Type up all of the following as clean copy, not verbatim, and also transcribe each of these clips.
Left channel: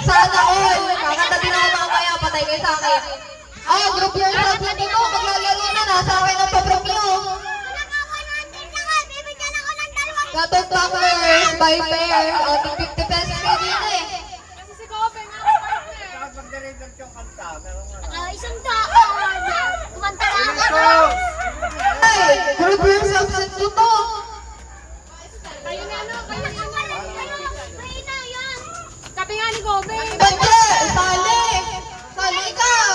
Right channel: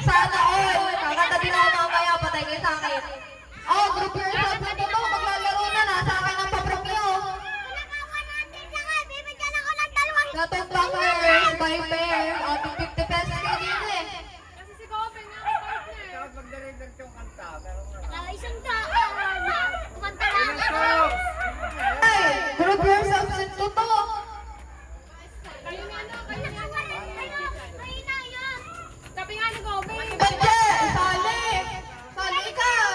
Sana all. Kakanta din ako mamaya. Patay kayo sa akin. Oh, group yourself na dito. Maglalaro na. Nasa akin ang paprop nyo. Gatong backers by pair. O, 50 pesos kayo din eh. Isang daan. Kumanta lang ako. Ay, group yourself sa dito. Kayo na ano? Kayo na yan. Sabi nga ni Gobe. Bante, sali. Sali ikaw.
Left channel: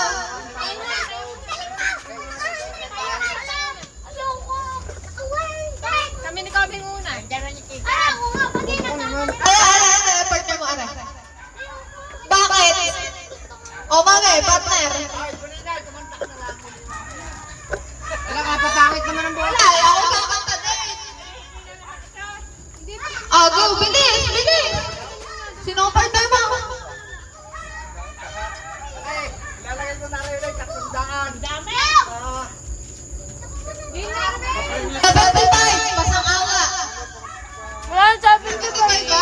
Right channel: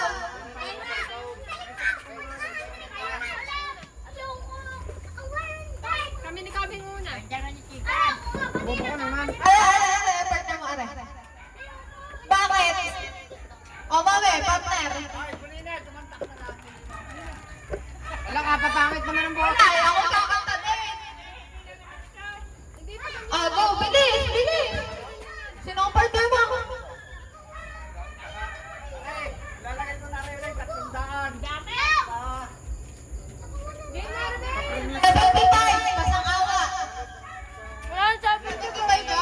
Kami ni Gobe muna. Ay, partner mo, aray. Bakit? O, mami, partner. Wala ka, papangit naman ang bola. Wala, ayaw ko kakanta din. Oh, go, bilis, bilis. Sino ang partner mo? Ilalagay ko na rin 300. Dami! Sabay tayo, pasang awa. Wala, sabi ko Sabay ka?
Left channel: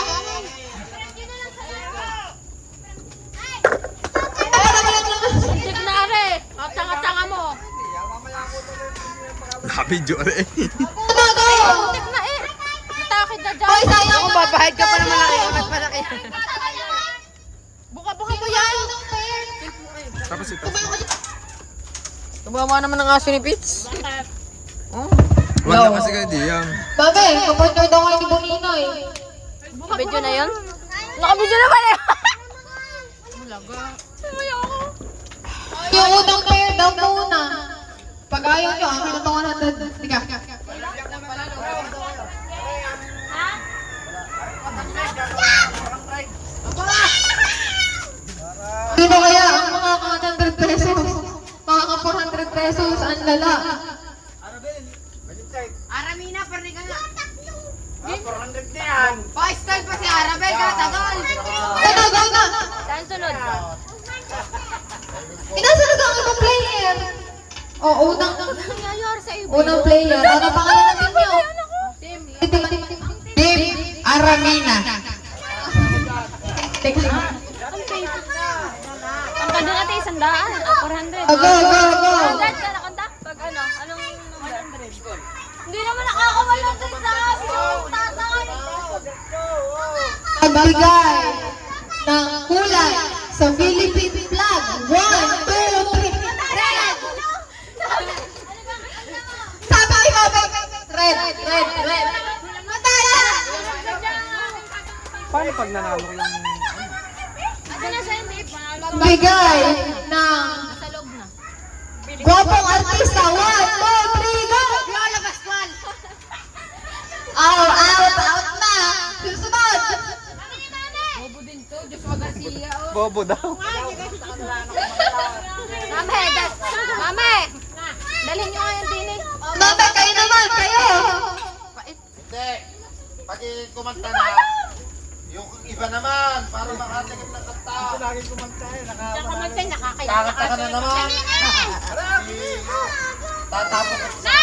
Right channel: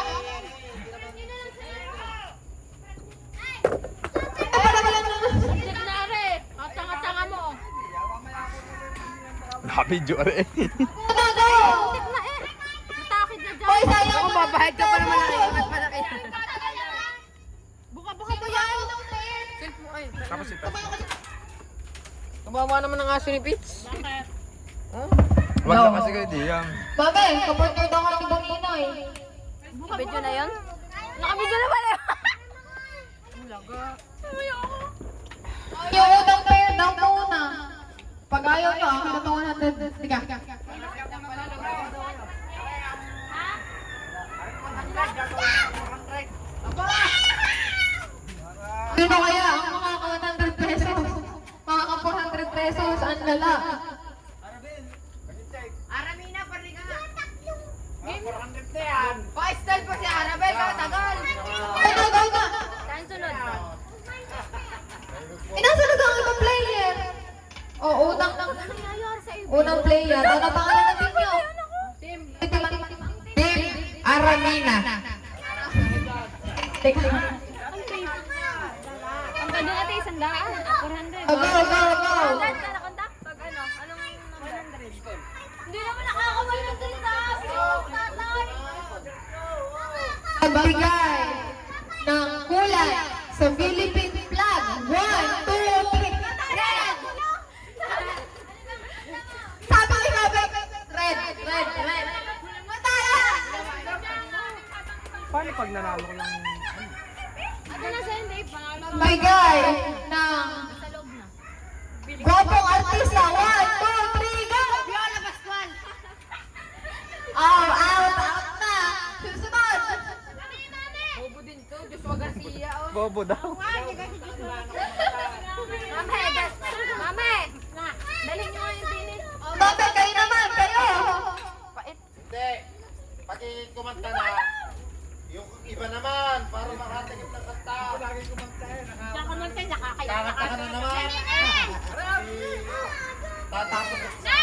Signare! Ang tanga-tanga mo. Nakabidyo rin. Go, go! Na eh. Matakit na dyan. Hoy, sayang. Kung babahid ka pa na malaki, mas malaki. Buka-buka mo yan. Tapos ito. Tumama naman ng aso ni Pitch. Oh. Wala kasi kayo Diam. Mami, kapartner daw kayo ni Bonino eh. Nakabidyo na yun? Nakabidyo naman eh. Yung unang pair daw muna. Pag ayaw nyo, ang kinutungan natin. Tika. Sino kaya ang makaka 100 pesos? Makaka 400 pesos, ang lala. Aramina, parli ka na. 400 na yan. Oh, style pa si Arabel, katagol. Go na! Saan sunod? Inasunod ang unang player. O, unang player. Ano pangalan natin nyo? Team Aramina. Teka. Kanta doon ate, 100. 400. Go, go, go. 100 ka nakanta? Pag ano? Anong 100? Hindi naman nakaka-100 sa tatay. Magbigay ng kulay sa Philippine flag. 1, 2, 3. Red! Sabi ni Baba, red, red, red. Mataya! Paano pag nanalo yung... Ano na sa hindi? Bigay ng Sa loob na. gwapong artista. 1, 2, 3, go! Lola Pascual! Out na. Susunod. Bobo din to, Joshua Garcia. Bobo daw. Mame! Dalhin nyo nga yung tinig. Mabay, kayo naman, kayo. Hindi. Pati kumanta na, yung iba naman, para makatingin ng kanta. Lagi kumanta eh, Nakamagta, nakakaya. Kakanta ka na naman. Tatapos ko sa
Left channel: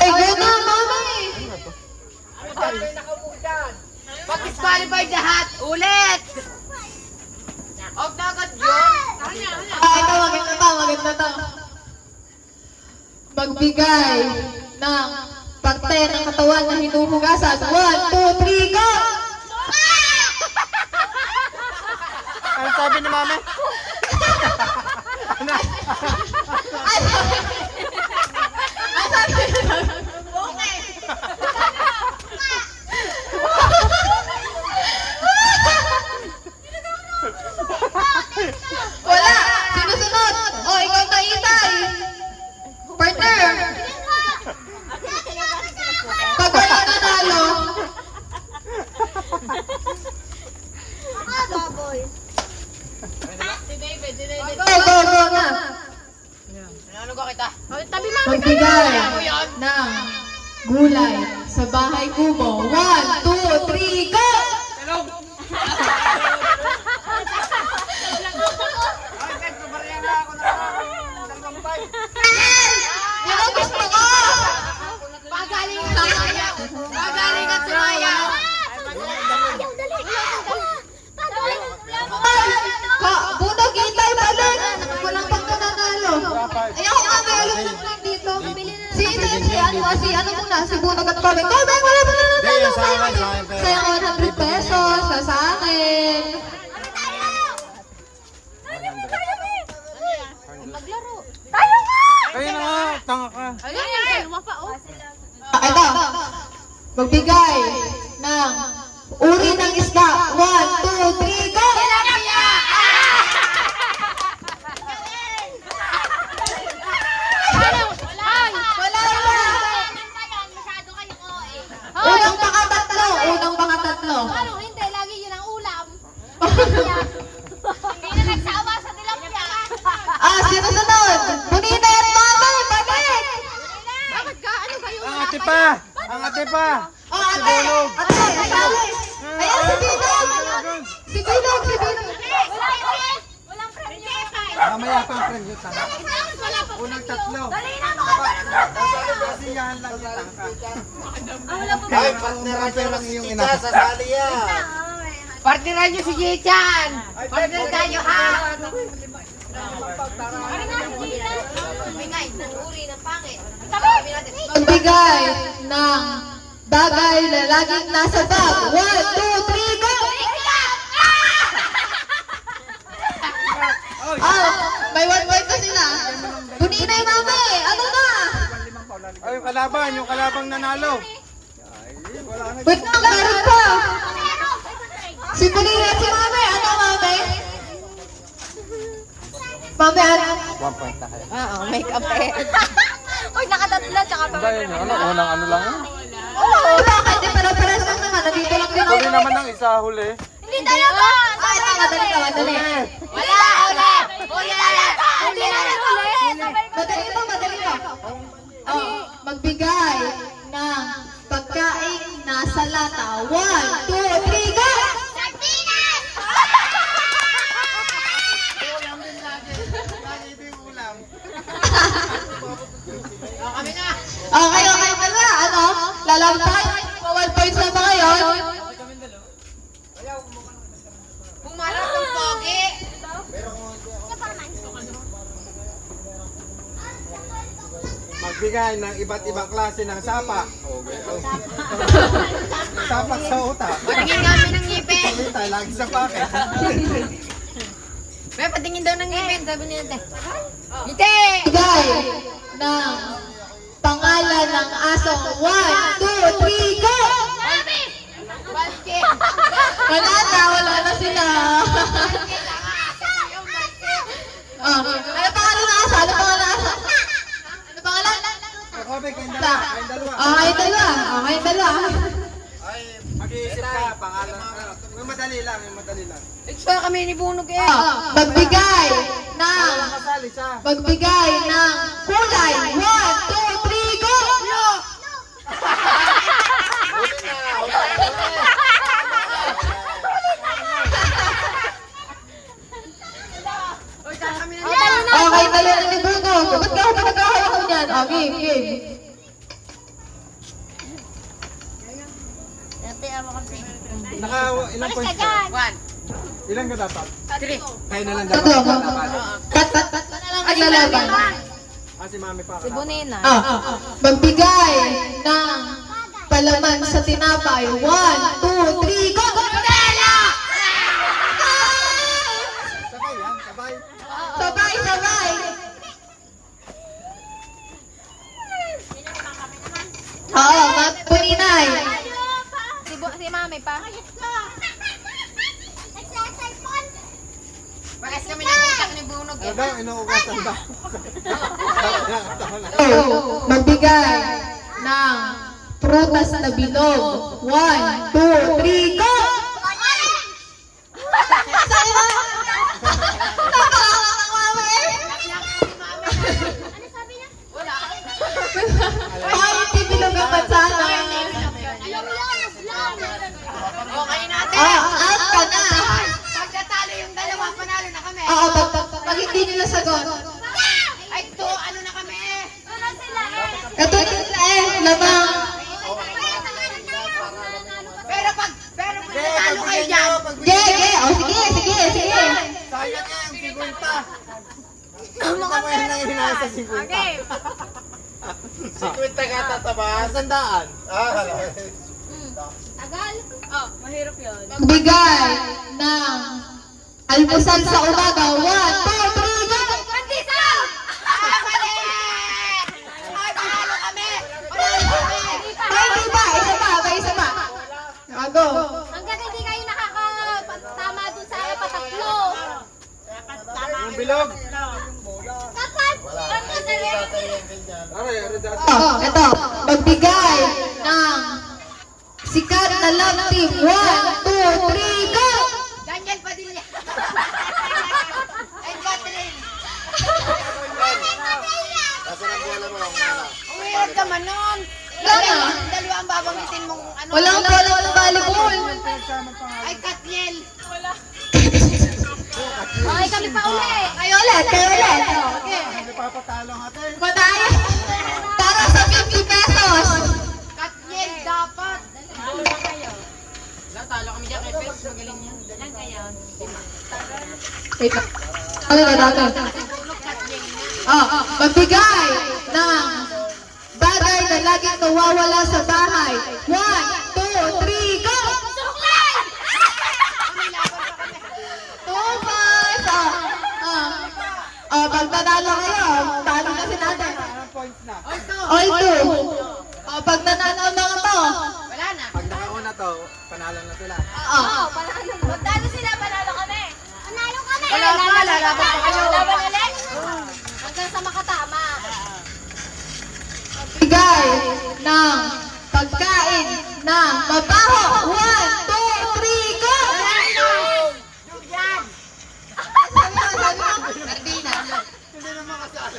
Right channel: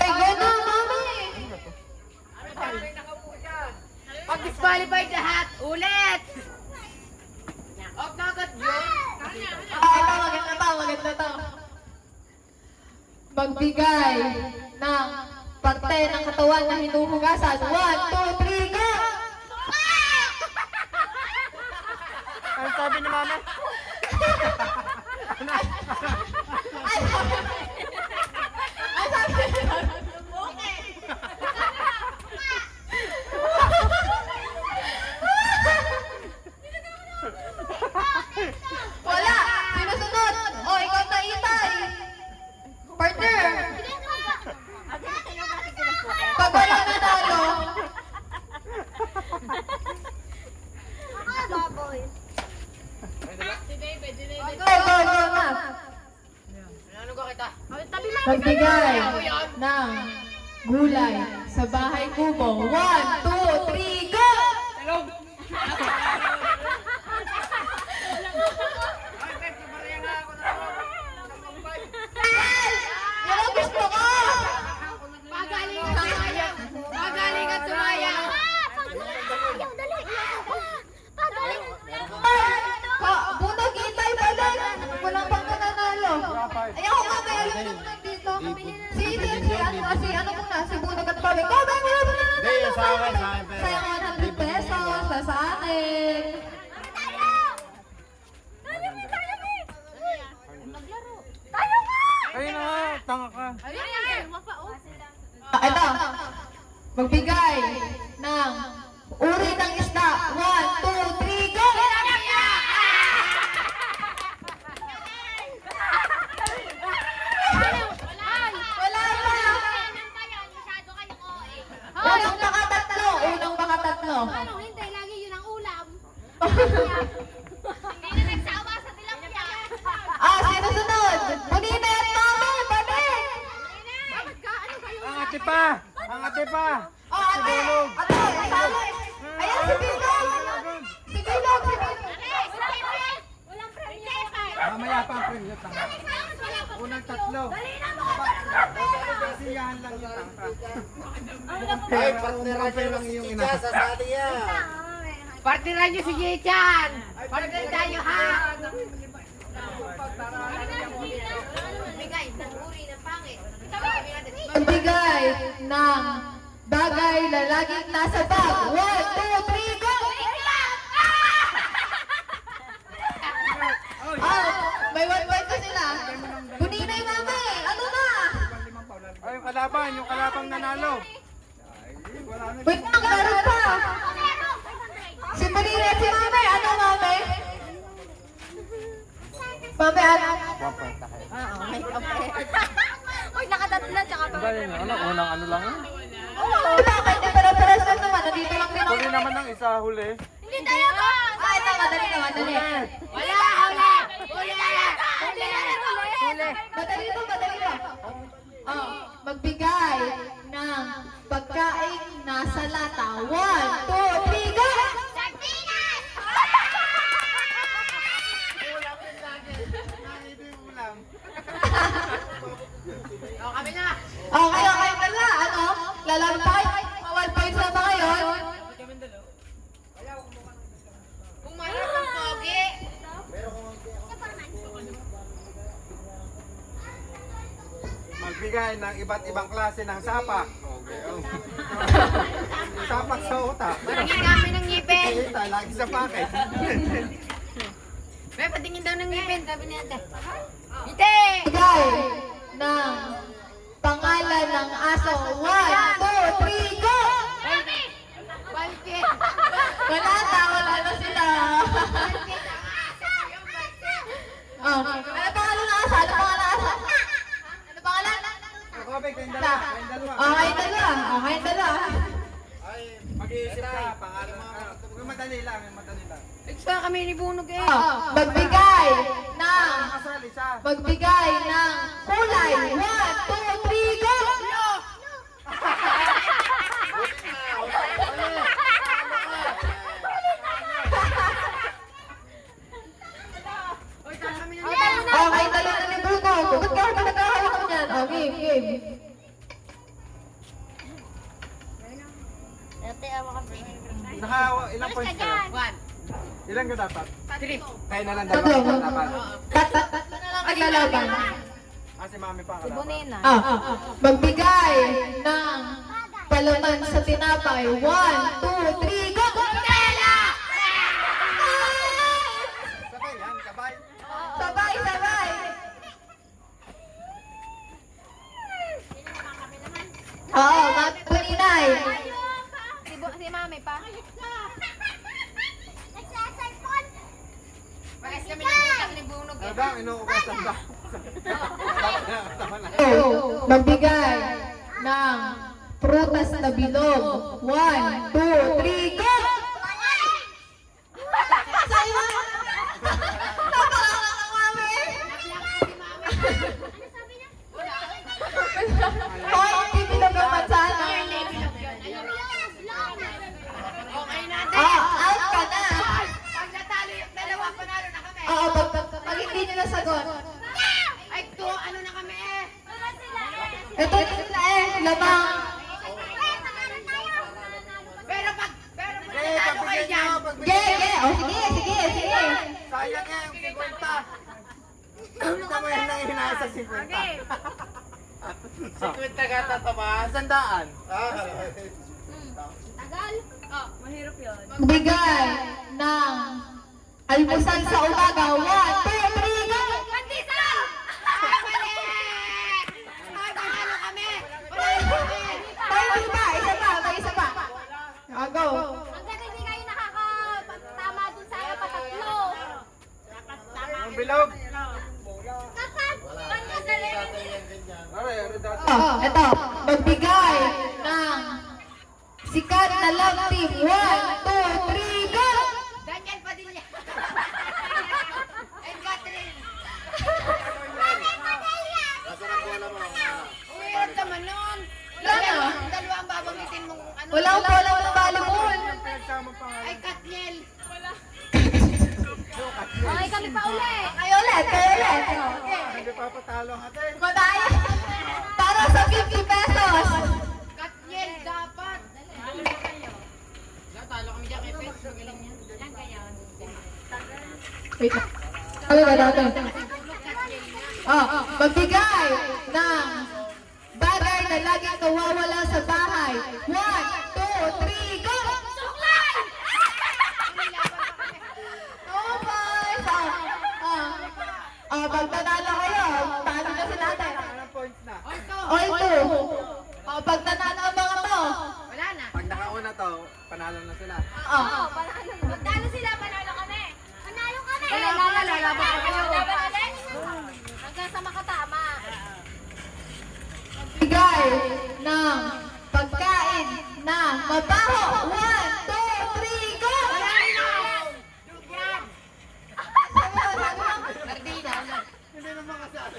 Ay, gano'n, mami. Pag-disqualified lahat, ulit! Off na agad yun. Ito, maganda to. Magbigay ng pagtay ng katawan na hinuhugasan. 1, 2, 3, go! Ano sabi ni mami? Wala! Sinusunod! O, ikaw na itay! Partner! Pag wala nanalo, Baboy. Si David. go na! Ano ko kita? Tabi mo. Magbigay ng gulay sa bahay kubo. 1, 2, 3, go! Hello! Yan ang gusto ko! Pagaling at sumaya! Pagaling at sumaya! Ayaw, dali. Bunog at Komeng. Komeng, wala ba na Hindi, yung sa akin, sa akin pera. Sayang 100 pesos na sa akin. Ayun na nga, tanga ka. Ito, magbigay ng uri ng isda. 1, 2, 3, go! Wala na! Unang pangatatlo, unang pangatatlo. Ano, hindi. Lagi yun ang ulam. Hindi na nagsawa sa tilapia. Sino sunod? Bunina at Mami, balik! Bakit ka? Ano ba yung Ang ate pa! Ang ate pa! Ate, sabi. Ayan, si Bilog! Si Bilog, si Bilog. Walang premyo. Mamaya pa ang premyo, tanga. Wala pa. Unang tatlo. Dali na mga Kasiyahan lang yung tanga. wala pa. Ay, partneran nyo lang yung ina. Sasali yan. Partneran nyo si Jechan. Partner tayo ha. Bigay ng uri ng pangit. Magbigay ng bagay na laging nasa bag. 1, 2, 3, go! May 1 point pa sila. Bunina yung Mami, ano na? Ay, yung kalabang nanalo. Ay, wala na. Wait, meron pa. Si Bunina at si Mami, ano Mami? Mami, ano? May kape. Uy, nakatatlo tsaka pa. Dahil yun, unang ano lang. Oo, bakit? Di pa pares lang naman. Nandito lang din Huli ako. naman ng isa, huli. Hindi talaga. Ito, madali ka, madali. Wala, uli. Uli na lang. Uli na lang. Madali to, madali to. Magbigay ng pagkain nasa lata. 1, 2, 3, go! Sardinas! Kami na. Okay, okay ka na. Ano? Lalaro tayo. 1 points na ba ngayon? Pumarap ng pogi. Magbigay ng iba't ibang klase ng sapak. Okay. Sapak sa uta. Patingin kami ng ngipin. Uta, lagi sa paket. May patingin daw ng ngipin. Sabi niya ate. Ite! Bigay ng pangalan ng aso. 1, 2, 3, go! Balke. Wala na sila. Ano pangalan ng aso? Ano pangalan ng aso? Ano pangalan? Kobe, kayong dalawa. Kayong dalawa. Okay, dalawa. Okay, dalawa. Ay, mag-iisip ka. Pangalan. Yung madali lang, yung madali lang. Ito kami ni Bunog eh. Magbigay ng Kasali sa. magbigay ng kulay. 1, 2, 3, go! Huli na, Okay, dali na ni Bunog. Ba't ka ako nagkahawak ko dyan? Game, game. Ilang points ka? 1, Ilan ka dapat? 3. Kayo na lang Tatlo. dapat. Tat naglalaban. Si Mami pa. Bunina. Magbigay ng palaman sa tinapay. 1, 2, 3, go! Sabay yan, sabay. Sabay, sabay. Oo, Puninay. Si Mami pa. Pakas kami ng utak ni Bunog Ano eh. daw, inuugasan ba? Magbigay ng prutas na bilog. 1, 2, 3, go! Sa'yo na! Napakakak ng mami! Hoy, hindi bilog ang mansana. Okay natin. Out ka na. Pagkatalo yung dalawa, panalo na kami. Oo, pag hindi nila sagot. Ay, to, ano na kami eh. Katulad nila labang. Pero pag nanalo kayo dyan. Sige. Sayang yan, 50. Ano ka mo yan na hinasa 50? Okay. 50 ka tatabas. Sandaan. Ah, Tagal. Oh, mahirap yun. Magbigay ng almusal sa umaga. 1, 2, 3, go! Pandita! Mali! Ay, panalo kami! Panalo kami! Ay, hindi pa. Isa pa. May isa pa. Go. Hanggang hindi kayo nakakatama dun sa patatlo. Yung bilog. Dapat! wala. Ang Hindi masarap. tatay yan ganyan. Aray, dati. Ito. Magbigay ng sikat na love team. 1, 2, 3, go! Daniel Padilla! And Catherine! Kasi ang bola mo, ang bola. Ang hirap naman nun! Wala. Dalawa ang babanggitin mong ano. Walang pala ng volleyball. Ay, Katniel! Okay, kami pa uli. Kayo ulit. Kayo ulit. Hindi papatalo ang ate. Matay. Para sa 50 pesos. Katniel, dapat! Wait lang. Ano na natin? Magbigay ng bagay na laging nawawala sa bahay. 1, 2, 3, go! Suklay! 2 points. Pag nanalo kayo, talo kasi natin. Anong points na? All 2. Pag nanalo ang mga to. Wala na. Pag nakauna to, panalo na sila. Oo, panalo. Magdalo sila, panalo kami. Panalo kami! Wala pa, lalaban pa kayo. Laban ulit. Hanggang sa makatama. Bigay ng pagkain na mabaho. 1, 2, 3, go! Sardina. Hindi naman kasali.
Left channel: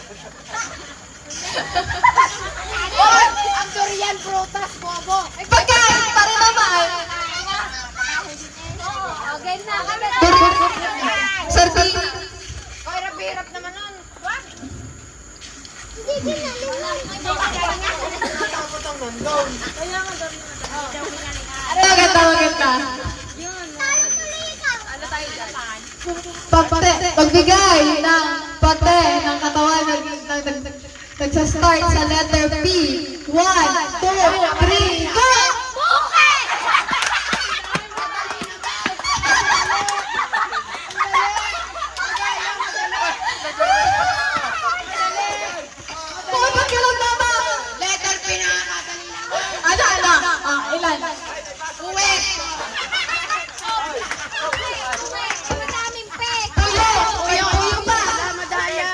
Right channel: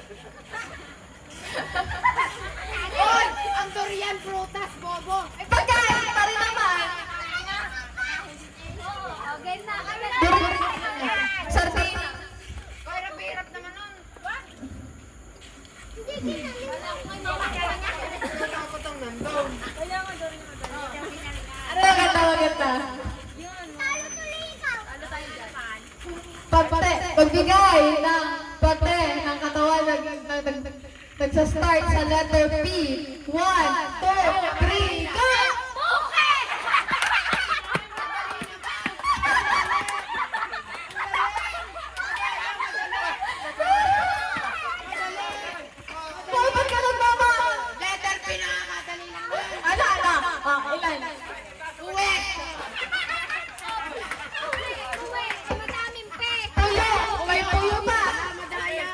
Oy! Ang durian, prutas, bobo! Pagkain pa rin naman. Oo, game na. Kami na. Sardina. Oy, hirap naman nun. Dapat ang nandun. Maganda. Ano tayo dyan? Pagbigay ng pate ng katawan nagsastart sa letter P. 1, 2, 3, go! Bukit! Bakit ka lang mama? Letter P na kakadali lang nun. Ano? Ilan? Uwi! Madaming pek. Uyo pa. Wala, madaya.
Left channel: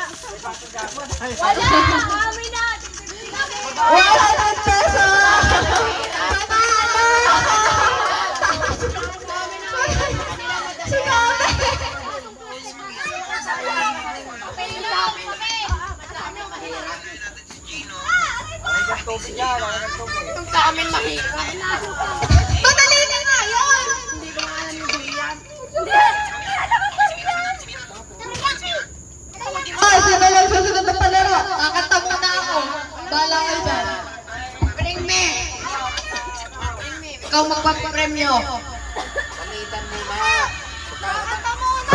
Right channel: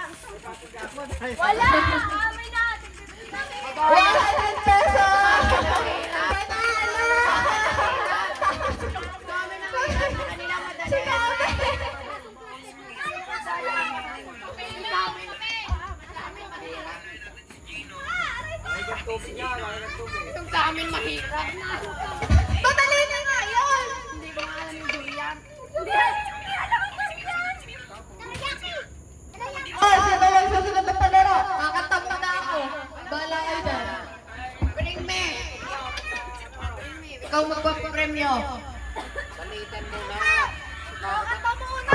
Wala! Kami na! 100 pesos! Panalo! Si Kami! Itong sa amin mahirap. Madali na nga yun! Hindi ko maalam yung durian. Sino lang susunod na palaro? Kakanta muna ako. Bala kayo dyan. Bring me! Ikaw magpapremyo. Palitan mo na.